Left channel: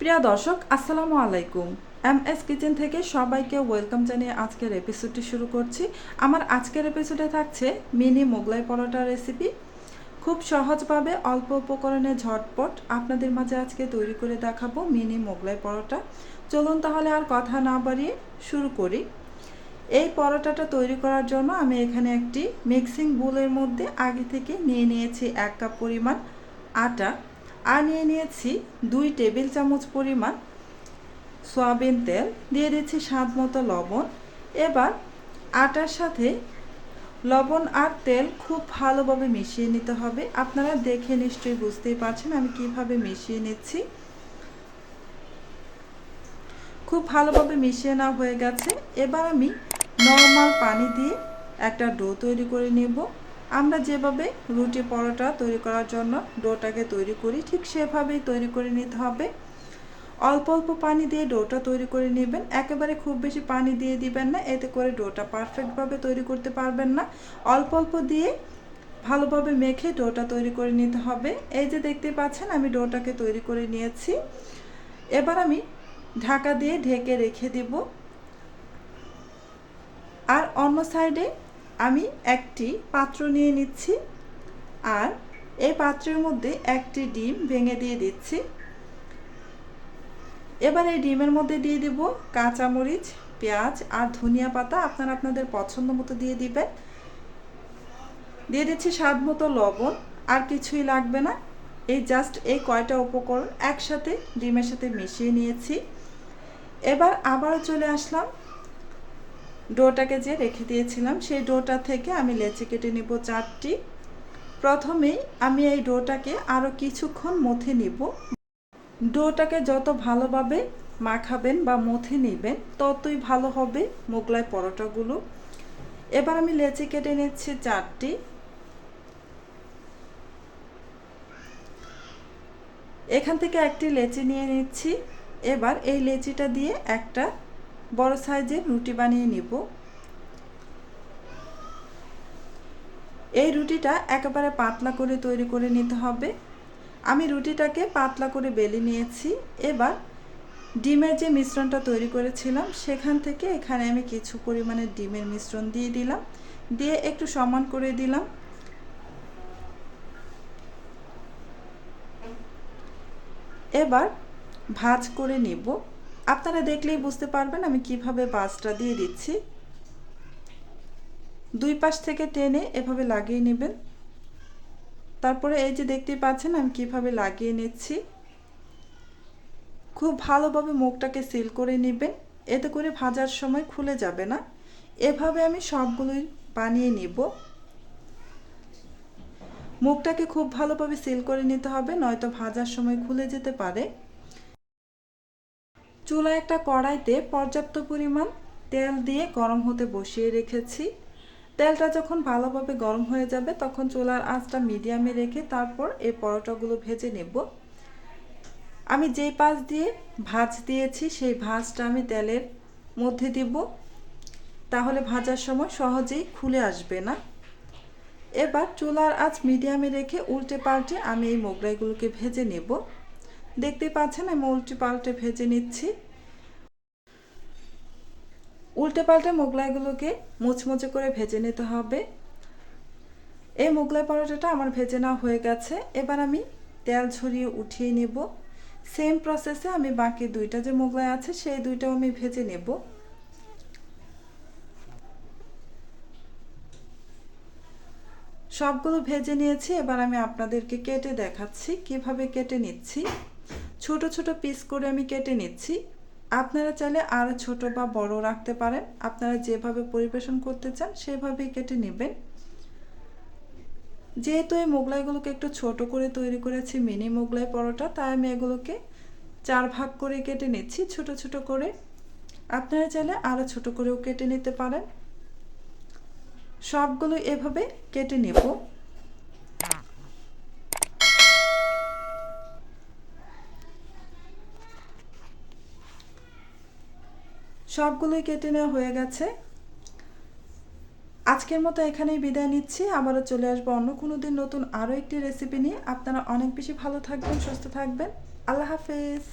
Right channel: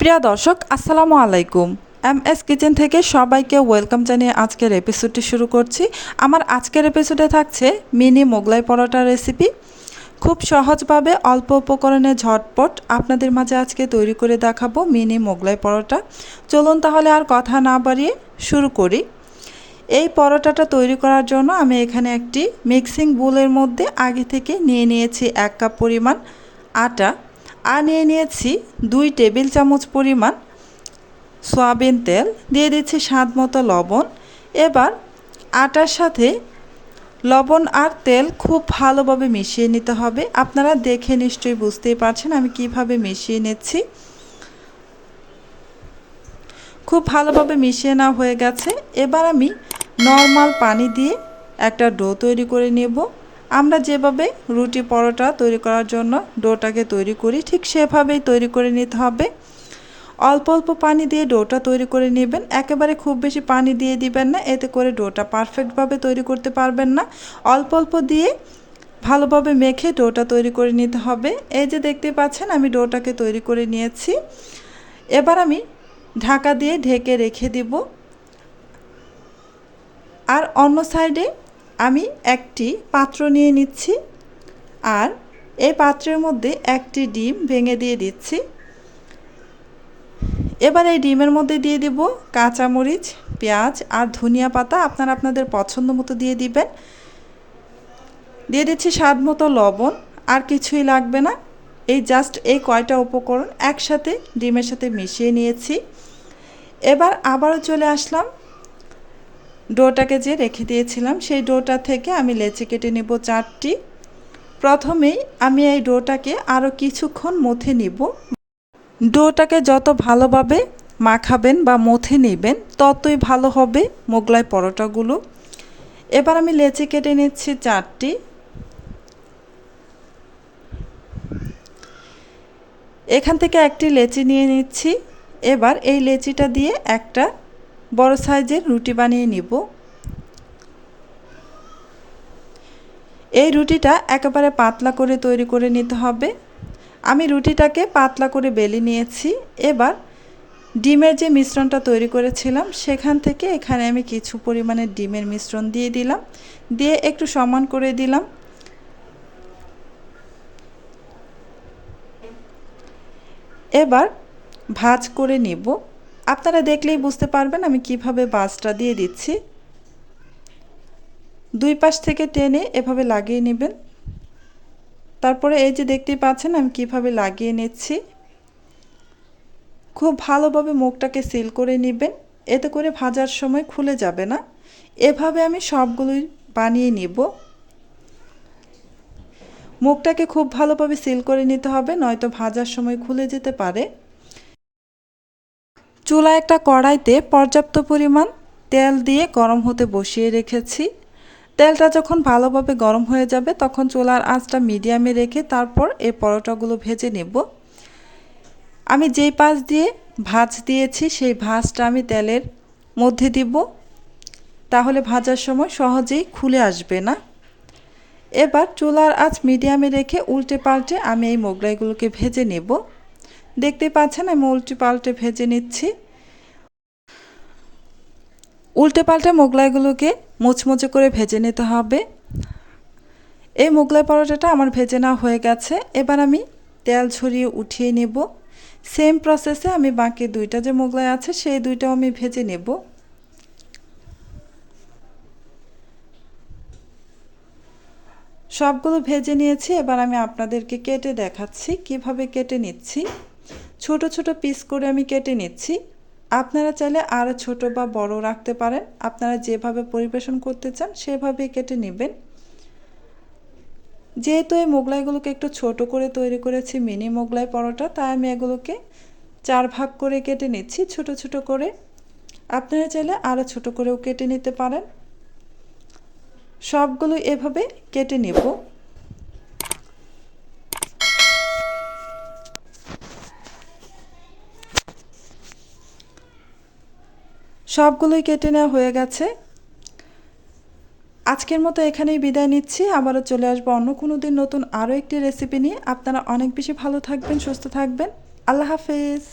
প্রিয় দর্শক আসসালামু আলাইকুম। এমএস কিচেন থেকে সবাইকে ওয়েলকাম জানিয়ে আজকের এপিসোডটি শুরু করছি। আমার আজকের এপিসোডে থাকছে মিনি মোগলাই পরোটা রেসিপি। খুব সহজভাবে অল্প উপকরণে ঝটপট আপনাদের মাঝে আজকে তৈরি করে দেখাবো মিনি মোগলাই পরোটা। চলুন তাহলে আর কথা না বাড়িয়ে শুরু করি। এই পরোটাটা তৈরি করার জন্য আমি এখানে একটি মিক্সিং বোলের মধ্যে আগে থেকে নিয়ে নিয়েছি 1 কাপ পরিমাণ আটা, আর নিয়ে নিয়েছি 2 টেবিল চামচ পরিমাণ সয়াবিন তেল, দিয়ে দিচ্ছি স্বাদ মতো লবণ। এবার আটার সাথে লবণ আর তেল খুব ভালোভাবে মিশিয়ে নিতে হবে। আপনারা দেখে নিশ্চয়ই বুঝতেই পারছেন আমি কিভাবে মিশিয়ে নিচ্ছি। খুব ভালোভাবে মিশিয়ে নেওয়া হয়ে গেছে। এবার আমি নর্মাল পানি দিয়ে একটা ডো তৈরি করে নেব। আমরা যেভাবে রুটি পরোটা তৈরি করার জন্য ডোটাকে তৈরি করি ঠিক সেভাবেই তৈরি করে নিতে হবে। অল্প অল্প পানি দিয়ে ডোটা তৈরি করে নেবেন, একেবারে খুব বেশি পানি দিয়ে দিবেন না, এতে করে ডোটা পারফেক্টভাবে তৈরি করতে পারবেন না। অল্প অল্প দিয়ে ভালোভাবে মেখে ডোটা তৈরি করে নিতে হবে। এই যে দেখতে পাচ্ছেন আমি ডোটাকে তৈরি করে নিয়েছি। এবার আমি ঢাকা দিয়ে ঢেকে রেখে দিব। আর অন্য সাইডে আমি একটি পাত্র নিয়ে নিচ্ছি, আর এই পাত্রের মধ্যে একটি ডিম ভেঙে দিয়ে দিচ্ছি। এবার এই ডিমের মধ্যে দিয়ে দিব কাঁচামরিচ, পেঁয়াজ আর ধনিয়া পাতা, আপনারা আপনাদের পছন্দ মতো দিয়ে দিবেন। দিয়ে দিচ্ছি স্বাদ মতো লবণ, আর কিছুই লাগবে না। এই জাস্ট এই কয়টা উপকরণ একসাথে ডিমের সাথে মিশিয়ে নিয়েছি। এবার আবারও চলে আসলাম ডোটাকে যে রেখে দিয়েছিলাম সেই ডোটা থেকে আমি লেচি কেটে নেব 4টি। প্রথমেই আমি এই ডোটাকে আরও কিছুক্ষণ মথে নিব। ডোটাকে যত ভালোভাবে মাখাবেন বা মথে নেবেন ততই ভালো হবে মোগলাই পরোটাগুলো। এবার আমি লেচি কেটে নিচ্ছি 4টি। এখান থেকে একটি লেচি নিয়ে নিচ্ছি। এবার এই লেচিটা দিয়ে একটা বড় সাইজের রুটি বানিয়ে নিব। এই রুটিটা একেবারে পাতলা করে তৈরি করে নিতে হবে। আমি রুটিটাকে পাতলা করে বেলে নিয়েছি। এবার ডিমের যে মিশ্রণটা তৈরি করেছিলাম সেখান থেকে এখানে আমি কিছু পরিমাণে ডিমের মিশ্রণ দিয়ে দিলাম, দিয়ে একটু সমান করে দিলাম। এবার ভাঁজ করে নিব। আপনারা দেখলেই বুঝতে পারবেন আমি কিভাবে ভাঁজটা দিয়ে দিচ্ছি। দুই পাশ থেকে টেনে এভাবে লাগিয়ে নেবেন। তারপরে এই যে দেখতেই পাচ্ছেন আমি কিভাবে লাগিয়ে নিচ্ছি। খুব ভালোভাবে মুখটাকে সিল করে নেবেন, এতে করে ভাজার সময় খুলে যাবে না। এভাবে আমি সবগুলোই বানিয়ে নিব। মুখটাকে খুব ভালোভাবে সিল করে নিতে হবে, নয়তো ভাজার সময় খুলে যেতে পারে। চুলায় একটা কড়াইতে পর্যাপ্ত পরিমাণ তেল দিয়ে গরম হতে বসিয়ে রেখেছি। তেলটা যখন ভালোভাবে গরম হয়ে যাবে তখন চুলার আঁচটা মিডিয়ামে রেখে তারপর এই পরোটাগুলো ভেজে নেব। আমি যেই পাশ দিয়ে ভাঁজ দিয়েছি সেই ভাঁজটা আমি তেলের মধ্যে দিব, তাহলে ভাজার সময় সহজেই খুলে আসবে না। এবার চুলার আঁচ মিডিয়ামে রেখে উল্টে পাল্টে আমি এই মোগলাইগুলোকে ভেজে নেব। দেখতে পাচ্ছেন আমি উল্টে পাল্টে ভেজে নিচ্ছি। উল্টে পাল্টে মোগলাইগুলোকে মুচমুচে করে ভেজে নিতে হবে। এই মোগলাই পরোটাটা আমার ভেজে নেওয়া হয়ে গেছে। এবার আমি তেল ঝরিয়ে উঠিয়ে নেব। সেম প্রসেসে আমি বাকি দুইটা যে মোগলাই আছে সেই দুইটাও আমি ভেজে নেব। সবগুলো ভেজে নিয়েছি। এবার আমি আপনাদেরকে কেটে দেখাচ্ছি কিভাবে কেটে নিচ্ছি। ছোট ছোট পিস করে আমি কেটে নিচ্ছি। আপনারা চাইলে আরও ছোট বা বড় রাখতে পারেন, আপনারা যেভাবে পরিবেশন করতে চান সেভাবেই কেটে নেবেন। যেহেতু এই মোগলাইগুলোকে একটু ছোট করে তৈরি করেছি মিনি মোগলাই পরোটা, তাই আমি এগুলোকে 4 ভাগ করে কেটে নিচ্ছি ছোট ছোট করে। আপনারা চাইলে আরও ছোট করেও কেটে নিতে পারেন। সবগুলো এভাবে কেটে নেব। সবগুলোই কেটে নেওয়া হয়ে গেছে। আজকের মতো এখানেই বিদায় নিচ্ছি। আবারও চলে আসবো অন্য কোনো দিন নতুন আরও একটি রেসিপি নিয়ে। আপনারা অনেক বেশি ভালো থাকবেন, সুস্থ থাকবেন। আল্লাহ হাফেজ।